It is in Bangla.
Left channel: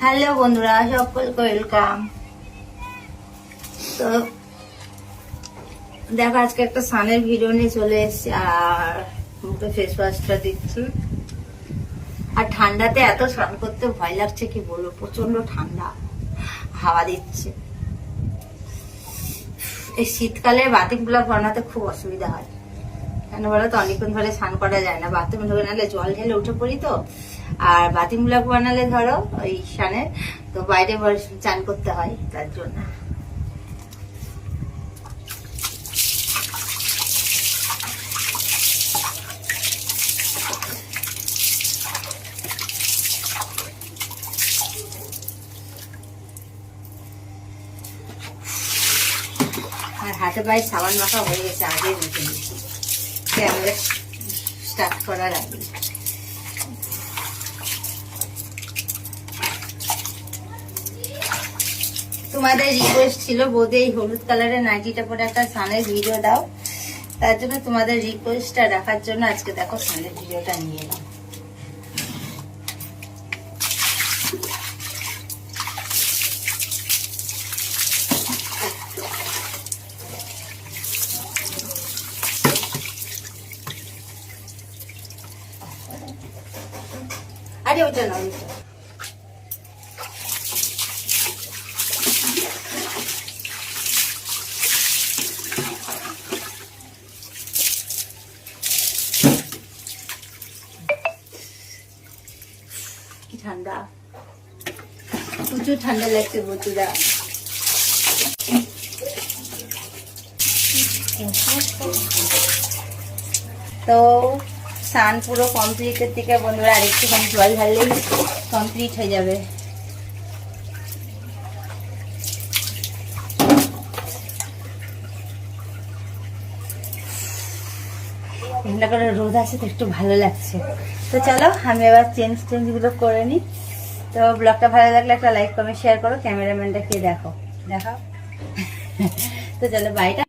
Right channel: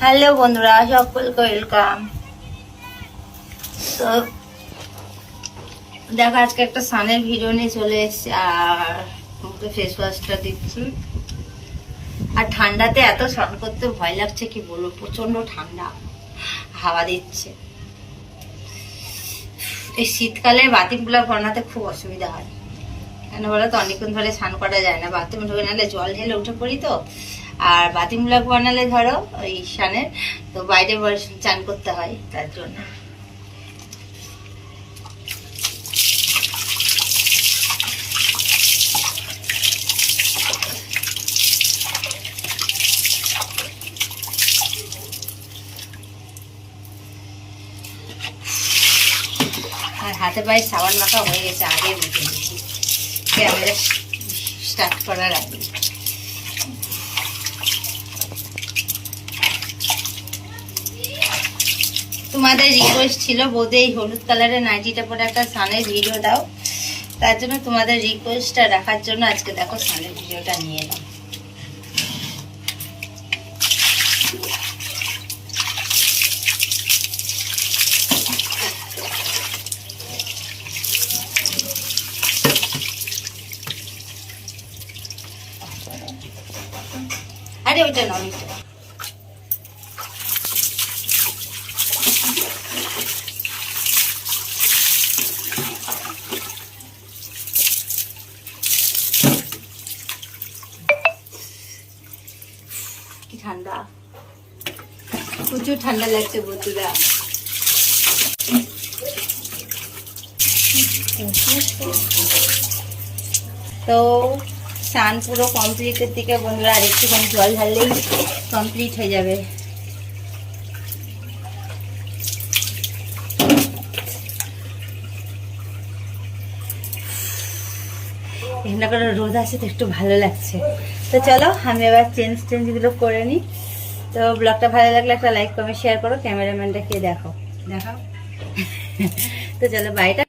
হ্যালো বন্ধুরা, সকলকে ওয়েলকাম। তো দেখো, আজকে একটা সানের ভিডিও নিয়ে চলে এসেছি আর মুখে ফেস ওয়াশটা দিচ্ছি। আর ঠান্ডাতে এত স্নান করতে ভয় লাগছে কি বলবো, প্রচন্ড ঠান্ডা হাওয়া দিচ্ছে। এই শীতকালে বাথরুমগুলো বানাতে খুব অসুবিধা হয়, কেন বলো তো, অনেকক্ষণ ধরে স্নান করা যায় না। বাথরুমে ঢুকে নাহলে জল ঢেলে উঠে পড়ি তো, আর বাথরুম ব্লক বানালে ধরো ওই স্নানের তো বাইরে চান করতে হয়, তার জন্য। আর হাতে পায়ে সাবান মাখা হয়ে গেছে, আগে মেখে নিচ্ছি ক্যামেরা স্টার্ট করার আগে। তোমাদের রিকোয়েস্ট ছিল বোধে এই হলুদ কালারের নাইটিটা পরে একটা সানের ভিডিও দাও, তার জন্য তোমাদের রিকোয়েস্টটা রাখার জন্য আজকে দেখো সানের ভিডিওটা নিয়ে এলাম। আরে ওইটা না, ওইটা কি ঠান্ডা, প্রচুর ঠান্ডা লাগছে বন্ধুরা। তো স্নান পুরো কমপ্লিটের দিকে বন্ধুরা, আর একটুখানি জল ঢাললেই কমপ্লিট হয়ে যাবে। এখানটা করে রোদ আছে তো একটু ভালো লাগছে। তো চলো আমি এবার চেঞ্জগুলো করে নিই। তো ব্লগটা ভালো লাগলে একটা লাইক কমেন্ট শেয়ার করো, ক্যামেরাম্যানটা কে দেখো। তো চলো বাইটা।